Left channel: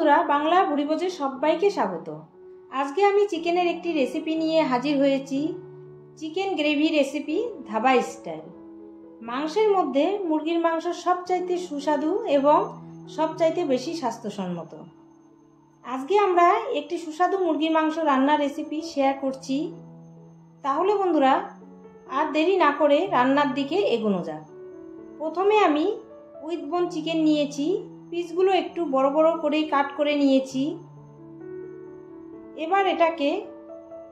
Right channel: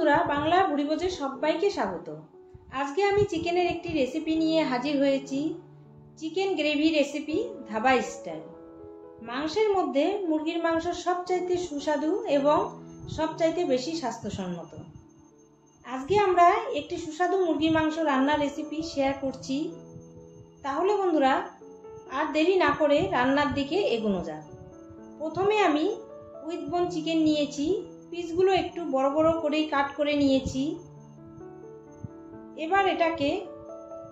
বন্ধুরা, বাংলা ভুরিভোজে সবাইকে স্বাগত। আজকে আমি চিকেনের একটি রেসিপি নিয়ে হাজির হয়েছি। Chicken gravy recipe dhaba style. মাংসের মধ্যে মুরগির মাংস সবচাইতে সুস্বাদু এবং সবচাইতে বেশি স্বাস্থ্যসম্মত। আজকে আমরা একটি সুস্বাদু মুরগির মাংস রান্নার রেসিপি শেয়ার করছি। তাহলে বন্ধুরা, আর দেরি না করে রান্নার দিকে এগোনো যাক। প্রথমে আমি উইথ বোন চিকেন নিয়েছি। পিসগুলো একটু বড় বড় করে কাট করে নিয়েছি। এবার এটাকে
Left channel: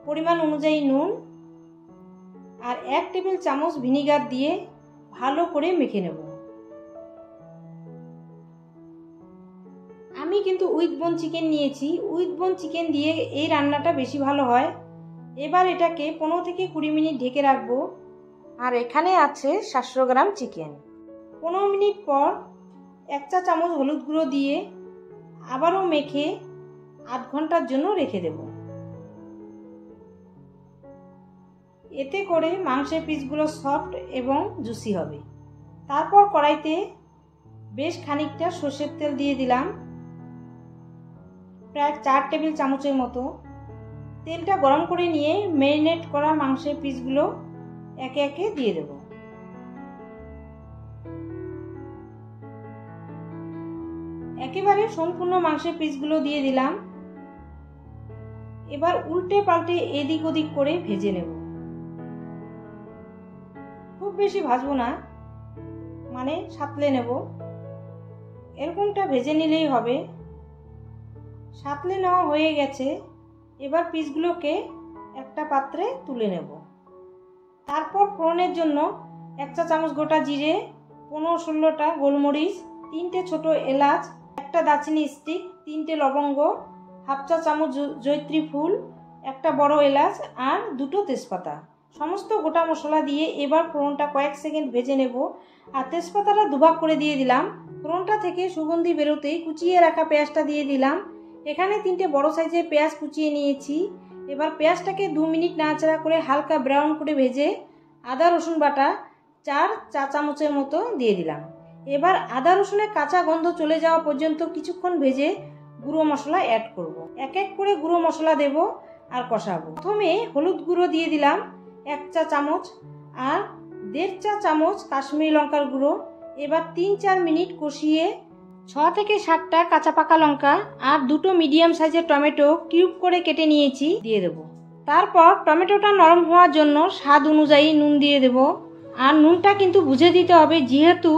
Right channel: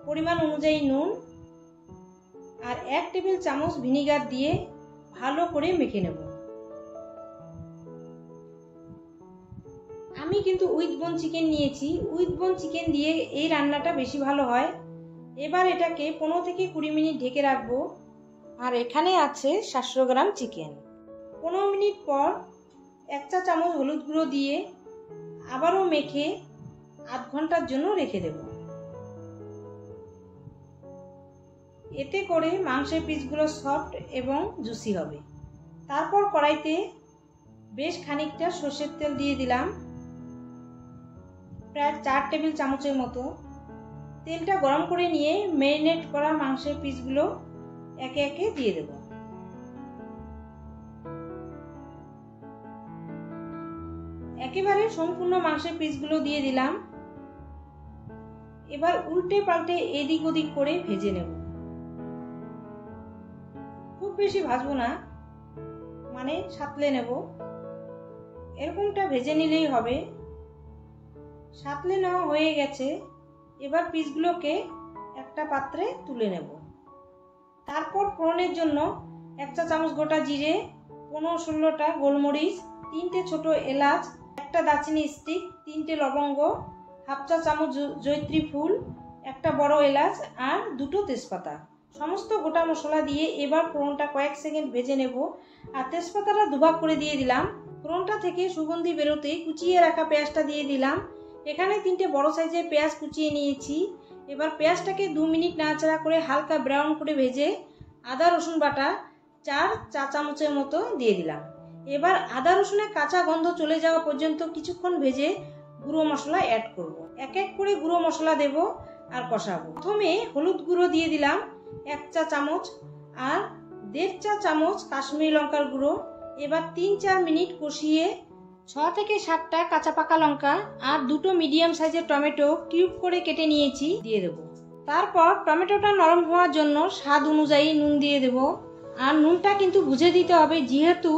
পরিমাণ অনুযায়ী নুন আর 1 টেবিল চামচ ভিনিগার দিয়ে ভালো করে মেখে নেব। আমি কিন্তু উইথ বোন চিকেন নিয়েছি। উইথ বোন চিকেন দিয়ে এই রান্নাটা বেশি ভালো হয়। এবার এটাকে 15 থেকে 20 মিনিট ঢেকে রাখবো। আর এখানে আছে 700 গ্রাম চিকেন। 15 মিনিট পর 1 চা চামচ হলুদ গুঁড়ো দিয়ে আবারও মেখে আধ ঘন্টার জন্য রেখে দেব। এতে করে মাংসের পিসগুলো সফট এবং জুসি হবে। তারপর কড়াইতে বেশ খানিকটা সর্ষের তেল দিয়ে দিলাম, প্রায় 4 টেবিল চামচের মতো। তেলটা গরম করে নিয়ে ম্যারিনেট করা মাংসের পিসগুলো একে একে দিয়ে দেব। একেবারে সম্পূর্ণ মাংসের পিসগুলো দিয়ে দিলাম। এবার উল্টে পাল্টে এদিক ওদিক করে ভেজে নেব। খুব বেশি ভাজবো না, মানে সাঁতলে নেব। এরকমটা ভেজে নিলেই হবে। সাঁতলে নেওয়া হয়ে গেছে। এবার পিসগুলোকে একটা পাত্রে তুলে নেব। তারপর ফোড়নের জন্য 1 চা চামচ গোটা জিরে, 15-16টা গোলমরিচ, 3টে ছোট এলাচ, একটা দারচিনি স্টিক, 3টে লবঙ্গ, 1/2 চা চামচ জয়িত্রী ফুল, একটা বড় এলাচ আর 2টো তেজপাতা, সমস্ত গোটা মশলা দিয়ে এবার ফোড়নটা কয়েক সেকেন্ড ভেজে নেব। আর তেজপাতাটা দুভাগ করে দিয়ে দিলাম। ফোড়নটা থেকে সুগন্ধি বেরোতেই কুচিয়ে রাখা পেঁয়াজটা দিয়ে দিলাম। এখানে 3টে বড় সাইজের পেঁয়াজ কুচিয়ে নিয়েছি। এবার পেঁয়াজটাকে 2 মিনিট নাড়াচাড়া করে হালকা ব্রাউন করে ভেজে আদা রসুন বাটা 4 চা চামচের মতো দিয়ে দিলাম। এবার আদা রসুনের কাঁচা গন্ধ চলে যাওয়া পর্যন্ত কিছুক্ষণ ভেজে গুঁড়ো মশলা অ্যাড করব। এক এক করে গুঁড়ো মশলা দেব আর কষাবো। প্রথমে হলুদ গুঁড়ো দিয়ে দিলাম 1 চা চামচ আর 1.5 চা চামচ কাশ্মীরি লঙ্কার গুঁড়ো। এবার 3-4 মিনিট কষিয়ে 6 থেকে 7টা কাঁচা পাকা লঙ্কা আর 2টো মিডিয়াম সাইজের টমেটো কিউব করে কেটে নিয়েছি দিয়ে দেব। তারপর টমেটোটা নরম হওয়ার জন্য স্বাদ অনুযায়ী নুন দিয়ে দেব। আর নুনটা কিন্তু বুঝে দিতে হবে, যেহেতু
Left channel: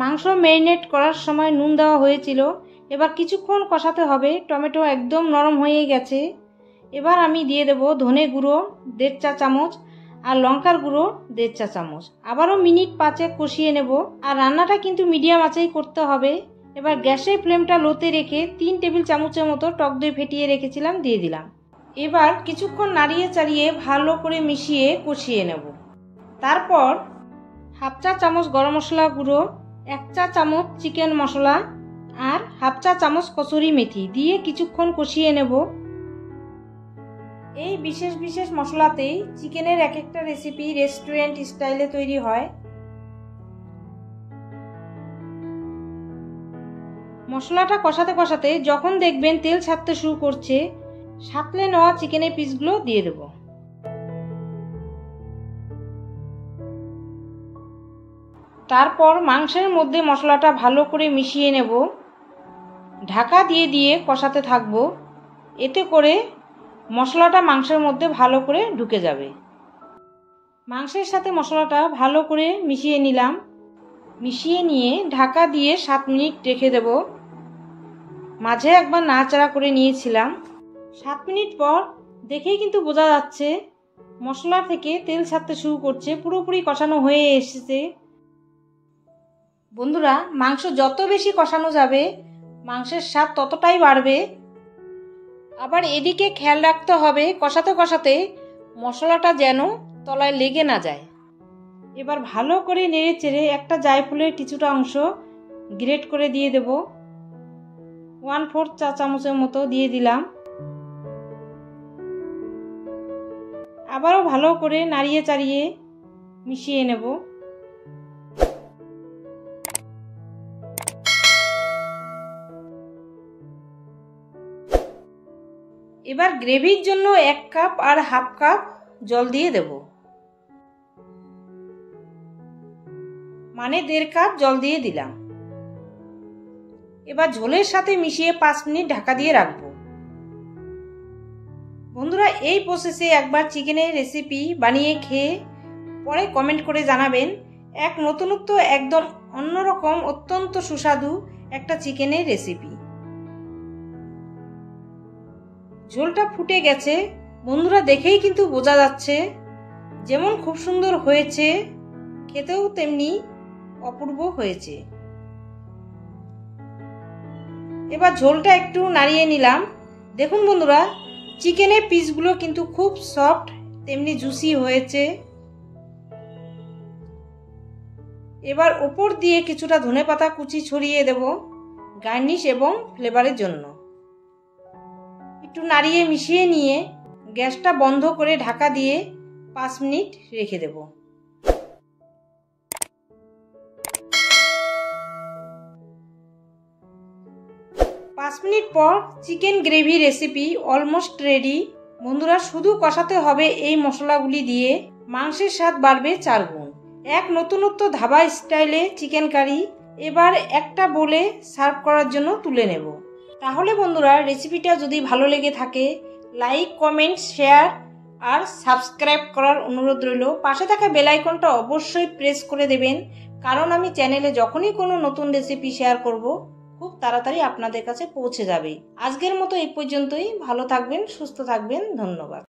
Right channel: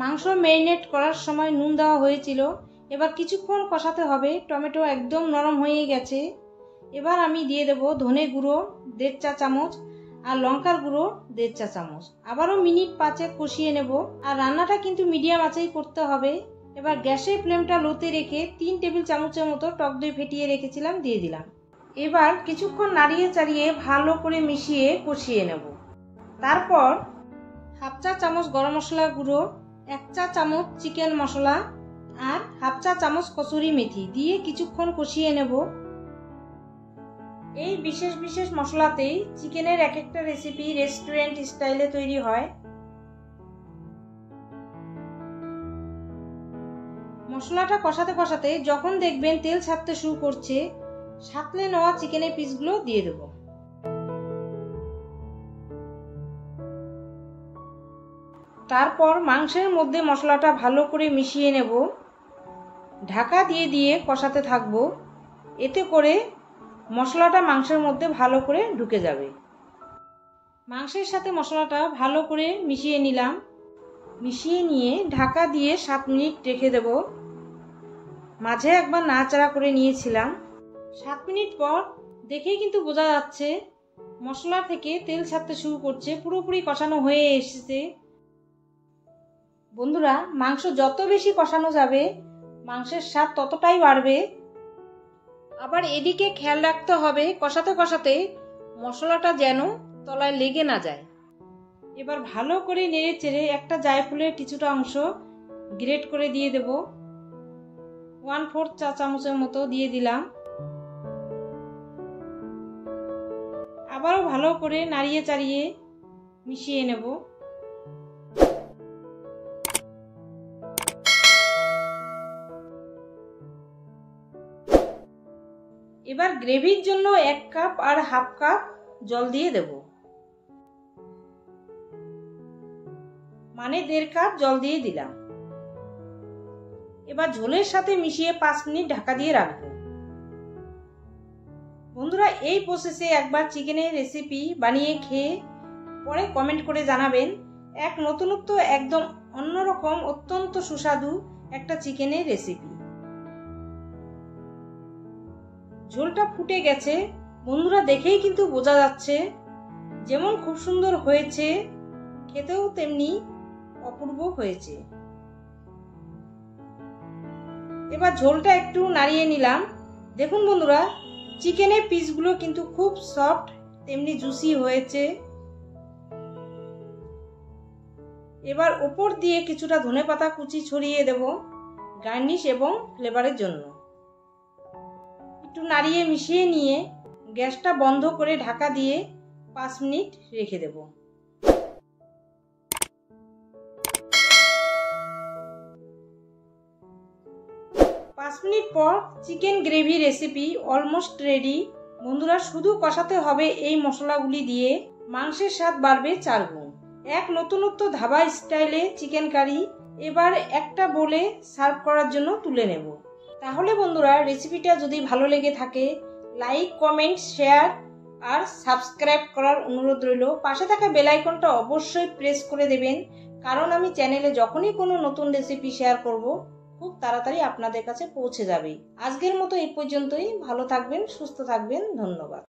মাংস ম্যারিনেট করার সময় নুন দেওয়া হয়েছিল। এবার কিছুক্ষণ কষাতে হবে। টমেটো একদম নরম হয়ে গেছে। এবার আমি দিয়ে দেব ধনে গুঁড়ো 1.5 চা চামচ আর লঙ্কার গুঁড়ো 1.5 চা চামচ। আবারও মিনিট 5 কষিয়ে নেব। আর রান্নাটা কিন্তু মিডিয়াম আঁচেই করতে হবে। এবার গ্যাসের ফ্লেমটা লোতে রেখে 3 টেবিল চামচের মতো টক দই ফেটিয়ে রেখেছিলাম দিয়ে দিলাম। এবার কিছুক্ষণ নাড়িয়ে চাড়িয়ে ভালো করে মিশিয়ে কষিয়ে নেব। তারপর 1/2 চা চামচ গরম মশলা গুঁড়ো, 1 চা চামচ চিকেন মশলা আর 1/2 চা চামচ কসুরি মেথি দিয়ে কিছুক্ষণ কষিয়ে নেব। এই বিশেষ বিশেষ মশলাতেই চিকেনের এক একটা রেসিপি রেস্টুরেন্ট স্টাইলে তৈরি হয়। মশলাটা কষাতে কষাতে যখন দেখবেন তেল ছাড়তে শুরু করছে, সাঁতলে নেওয়া চিকেনের পিসগুলো দিয়ে দেব। তারপর মাংসের মধ্যে মশলাটা ভালো করে মিশিয়ে নেব। ঢাকা দিয়ে দিয়ে কষাতে থাকবো। এতে করে মশলাটা মাংসের মধ্যে ভালো করে ঢুকে যাবে। মাংসের সাথে মশলাটা ভালো করে মিশিয়ে নিলাম। মিশিয়ে নিয়ে ঢাকা দিয়ে 7 মিনিট রেখে দেব। মাঝে একবার নাড়াচাড়া করে নিয়েছিলাম। 7 মিনিট পর দেখেই কিন্তু বোঝা যাচ্ছে মশলা থেকে তেল ছাড়তে শুরু করছে, পুরোপুরি কষানো হয়ে এসেছে। বন্ধুরা, মাংস যত বেশি কষানো যাবে মাংসের স্বাদ ততটাই বাড়বে। আবার এদিকে খেয়াল রাখতে হবে কষাতে কষাতে মশলাটা যেন তলায় লেগে না যায়। এবার ভালো করে নেড়ে চেড়ে একটা জায়ফলের কিছুটা অংশ গ্রেট করে দিয়ে দেব। 1/4 চা চামচের মতো দিয়ে দিলাম। আবারও ভালো করে নাড়িয়ে চাড়িয়ে মিশিয়ে নেব। এবার গ্রেভির জন্য 1 কাপ আর হাফ কাপ জল দিয়ে দেব, মানে 1.5 কাপ জল দিয়ে দিলাম। এবার ঝোলের সাথে মিশিয়ে 5 মিনিট ঢাকা দিয়ে রাখবো। বন্ধুরা, এই প্রসেসে একবার চিকেনের রেসিপি বানিয়ে খেয়ে পরে কমেন্ট করে জানাবেন। এক নতুনত্ব, একদম অন্যরকম, অত্যন্ত সুস্বাদু একটা চিকেনের রেসিপি। ঝোলটা ফুটে গেছে বন্ধুরা, দেখেই কিন্তু বোঝা যাচ্ছে যেমন খুব সুন্দর হয়েছে, খেতেও তেমনি অপূর্ব হয়েছে। এবার ঝোলটা একটু নাড়িয়ে নিলাম। দেখুন বন্ধুরা, চিকেনের পিসগুলো কিন্তু খুব সফট, তেমনি জুসি হয়েছে। এবার ওপর দিয়ে কিছুটা ধনেপাতা কুচি ছড়িয়ে দেব গার্নিশ এবং ফ্লেভারের জন্য। একটু নাড়িয়ে মিশিয়ে নিয়ে গ্যাসটা বন্ধ করে ঢাকা দিয়ে 5 মিনিট রেখে দেব। 5 মিনিট পর chicken gravy recipe almost ready. বন্ধুরা, শুধু কষাতে হবে এই মশলাগুলি দিয়ে, মাংসের স্বাদ বাড়বে 4 গুণ। এক নতুনত্ব ধাবা স্টাইলে চিকেন কারি। এবার একটা বলে সার্ভ করার জন্য তুলে নেব। তাহলে বন্ধুরা, রেসিপিটা যদি ভালো লেগে থাকে লাইক, কমেন্ট, শেয়ার আর সাবস্ক্রাইব করার অনুরোধ রইল। পাশে থাকা বেল আইকনটা অবশ্যই প্রেস করে দেবেন, কারণ আমি চ্যানেলে যখনই কোনো নতুন রেসিপি শেয়ার করব খুব তাড়াতাড়ি আপনাদের কাছে পৌঁছে যাবে। আজকের মতো এই পর্যন্তই। ভালো থাকবেন, সুস্থ থাকবেন। ধন্যবাদ।